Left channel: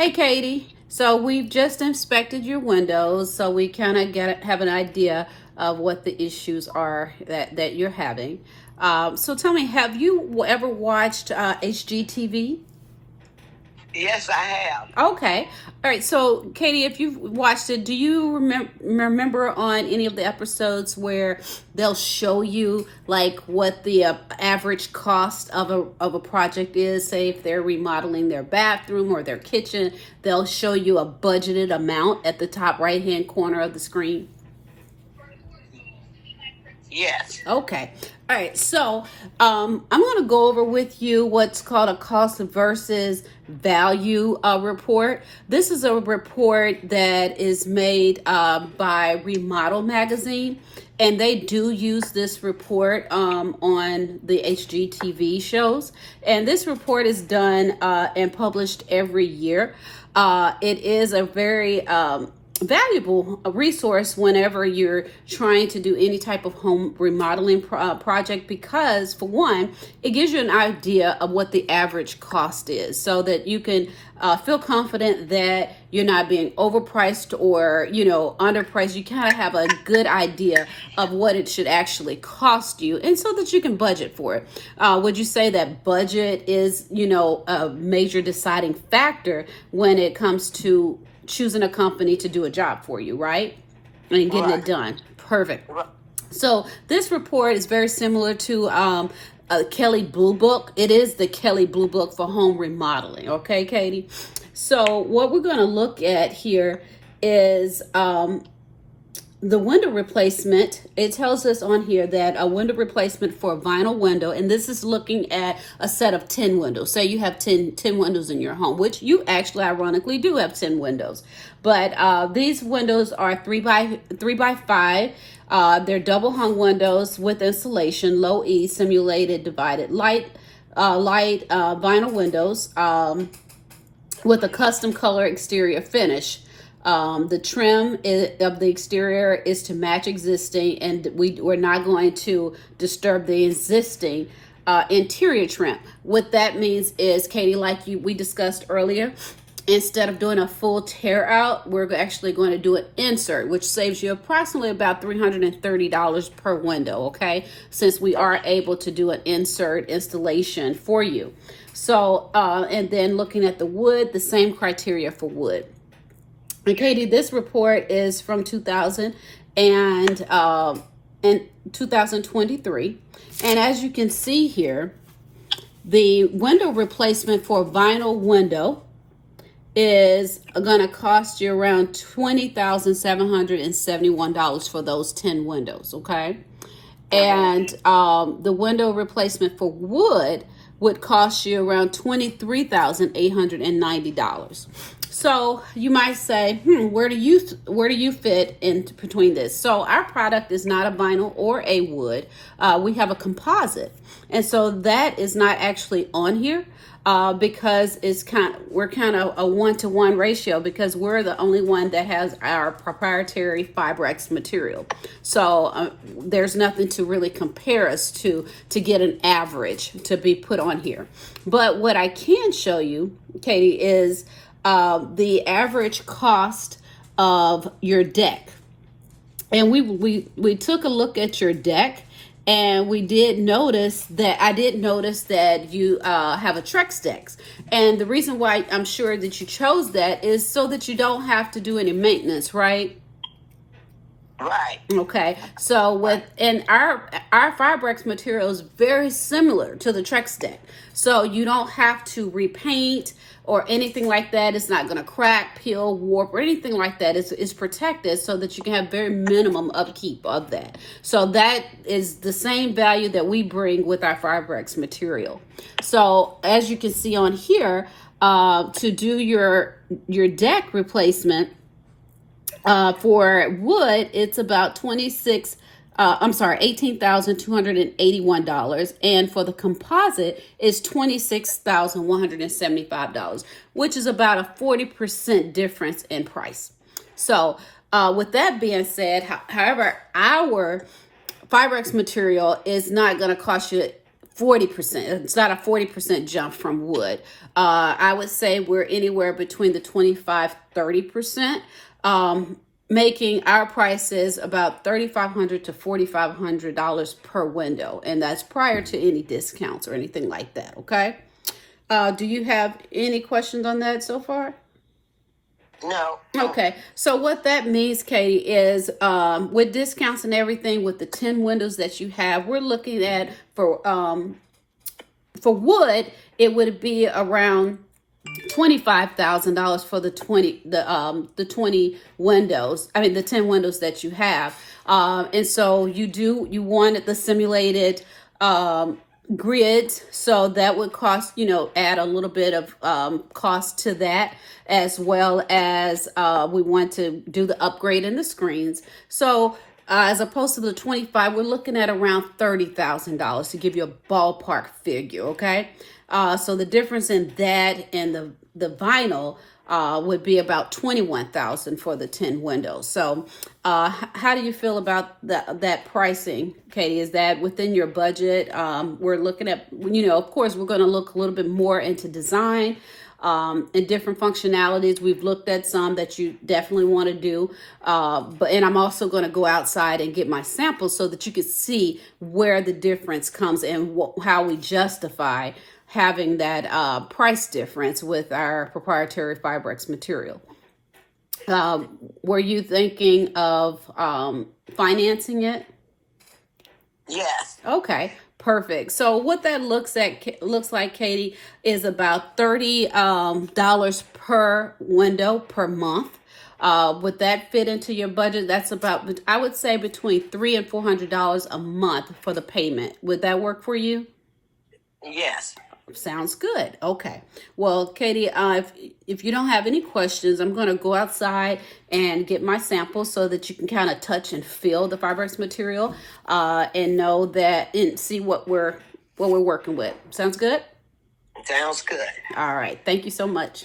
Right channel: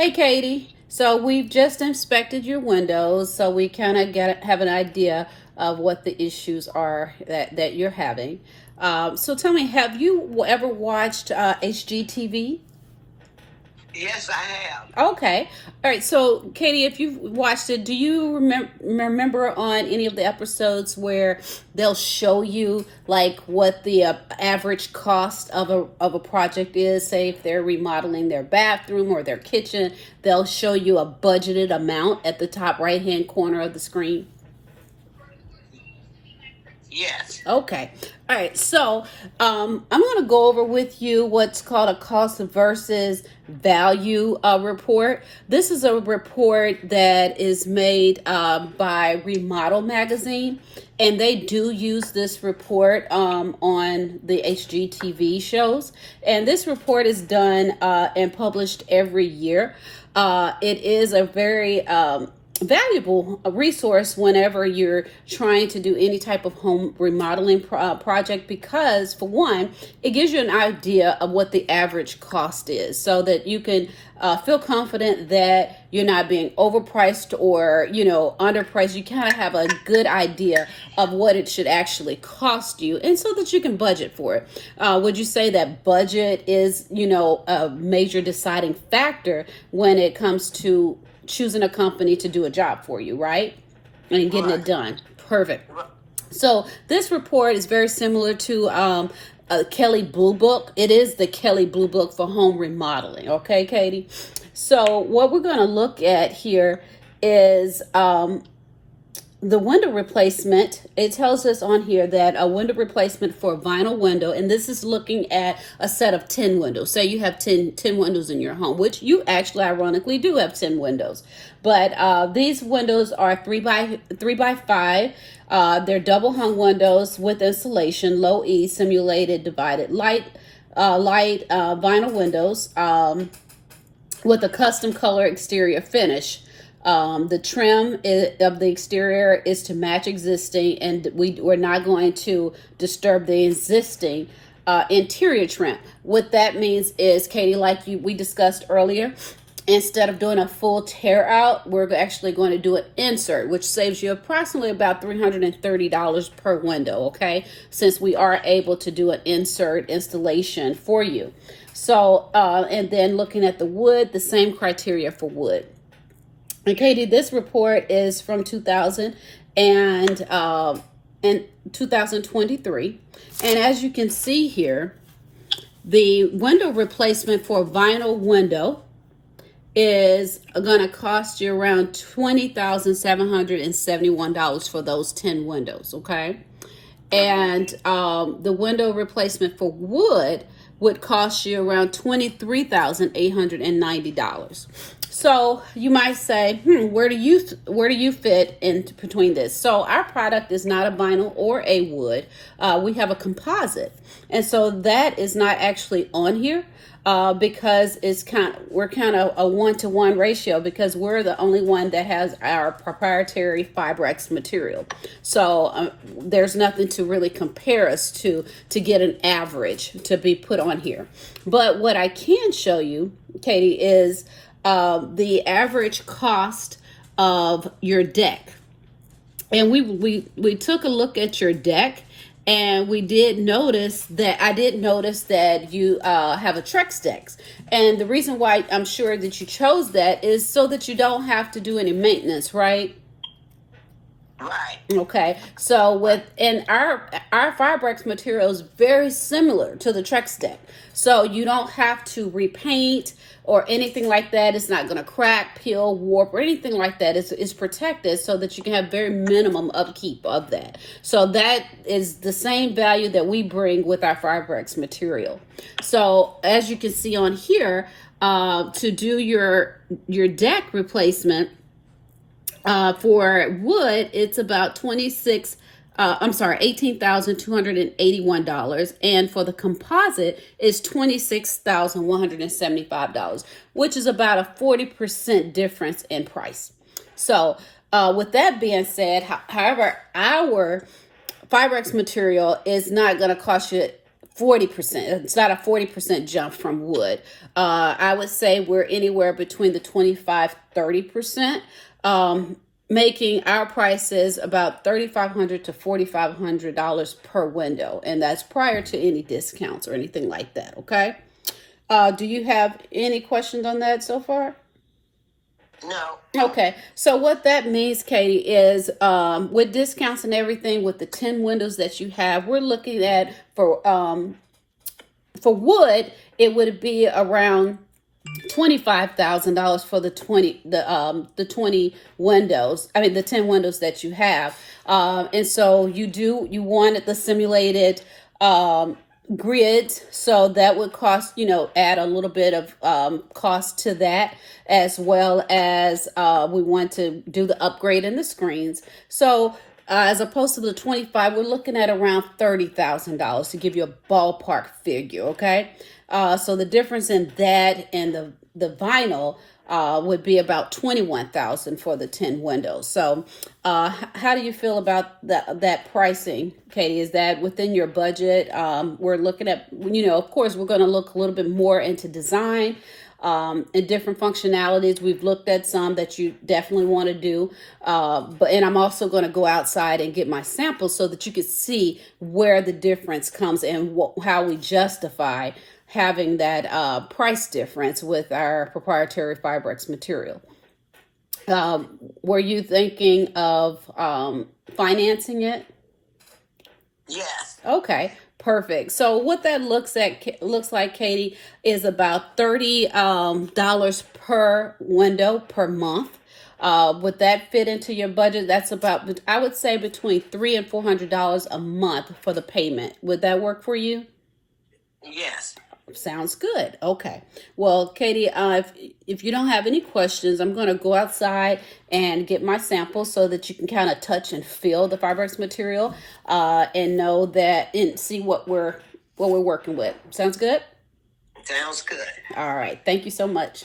Hey, Katie. So we've just inspected your windows, so we kind of get have an idea of what the issues are that you're having. So tell me, have you ever watched HGTV? Yes, I have. Okay. All right. So, Katie, if you've watched it, do you remember on any of the episodes where they'll show you like what the average cost of a project is? Say if they're remodeling their bathroom or their kitchen, they'll show you a budgeted amount at the top right hand corner of the screen. Yes. Okay. All right. So I'm going to go over with you what's called a cost versus value report. This is a report that is made by Remodel Magazine, and they do use this report on the HGTV shows. And this report is done and published every year. It is a very valuable resource whenever you're trying to do any type of home remodeling project, because for one, it gives you an idea of what the average cost is so that you can feel confident that you're not being overpriced or underpriced. You kind of have a good idea of what it should actually cost you, and so that you can budget for it. Would you say that budget is a major deciding factor when it comes to choosing a company to do a job for you, right? And getting it Right. done. Perfect. Right. So this report is very similar to a Kelly Blue Book. It is the Kelly Blue Book for home remodeling. Okay, Katie? So what we're going to look at here is the window replacement. It tells us on here that a window replacement for a vinyl window, and this is looking at a set of 10 windows. Say you have 10 windows in your home, which you actually ironically do have 10 windows. But these windows are 3 by 5. They're double hung windows with insulation, low E, simulated divided light vinyl windows with a custom color exterior finish. The trim of the exterior is to match existing, and we're not going to disturb the existing interior trim. What that means is, Katie, like we discussed earlier, instead of doing a full tear out, we're actually going to do an insert, which saves you approximately about $330 per window, okay? Since we are able to do an insert installation for you. So, and then looking at the wood, the same criteria for wood. And Katie, this report is from 2000 and 2023. And as you can see here, the window replacement for a vinyl window is going to cost you around $20,771 for those 10 windows, okay? And the window replacement for wood would cost you around $23,890. So you might say, where do you fit in between this? So our product is not a vinyl or a wood. We have a composite, and so that is not actually on here. Because we're kind of a 1-to-1 ratio, because we're the only one that has our proprietary Fibrex material. So there's nothing to really compare us to get an average to be put on here. But what I can show you, Katie, is the average cost of your deck. And we took a look at your deck. And I did notice that you have a Trex deck. And the reason why I'm sure that you chose that is so that you don't have to do any maintenance, right? Right. Okay. So our Fibrex material is very similar to the Trex deck. So you don't have to repaint or anything like that. It's not going to crack, peel, warp, or anything like that. It's protected so that you can have very minimum upkeep of that. So that is the same value that we bring with our Fibrex material. So as you can see on here, to do your deck replacement for wood, it's about $18,281. And for the composite, it's $26,175, which is about a 40% difference in price. So with that being said, however, our Fibrex material is not going to cost you 40%. It's not a 40% jump from wood. I would say we're anywhere between the 25-30%, making our prices about $3,500 to $4,500 per window. And that's prior to any discounts or anything like that. Okay. Do you have any questions on that so far? No. Okay, so what that means, Katie, is with discounts and everything, with the 10 windows that you have, we're looking at for wood, it would be around $25,000 for the 20 windows. I mean, the 10 windows that you have, and so you wanted the simulated grids, so that would cost, add a little bit of cost to that, as well as we want to do the upgrade in the screens. So as opposed to the 25, we're looking at around $30,000 to give you a ballpark figure. Okay, so the difference in that and the vinyl would be about $21,000 for the 10 windows. So how do you feel about that pricing, Katie? Is that within your budget? We're looking at, of course, we're going to look a little bit more into design and different functionalities. We've looked at some that you definitely want to do, and I'm also going to go outside and get my samples so that you can see where the difference comes and how we justify having that price difference with our proprietary Fibrex material. Were you thinking of financing it? Yes. Okay, perfect. So what that looks like, Katie, is about $30 per window per month. Would that fit into your budget? That's about, I would say, between $300 and $400 a month for the payment. Would that work for you? Yes. Sounds good. Okay. Well, Katie, if you don't have any questions, I'm going to go outside and get my sample so that you can kind of touch and feel the Fibrex material and know that and see what we're working with. Sounds good? Sounds good. All right. Thank you so much.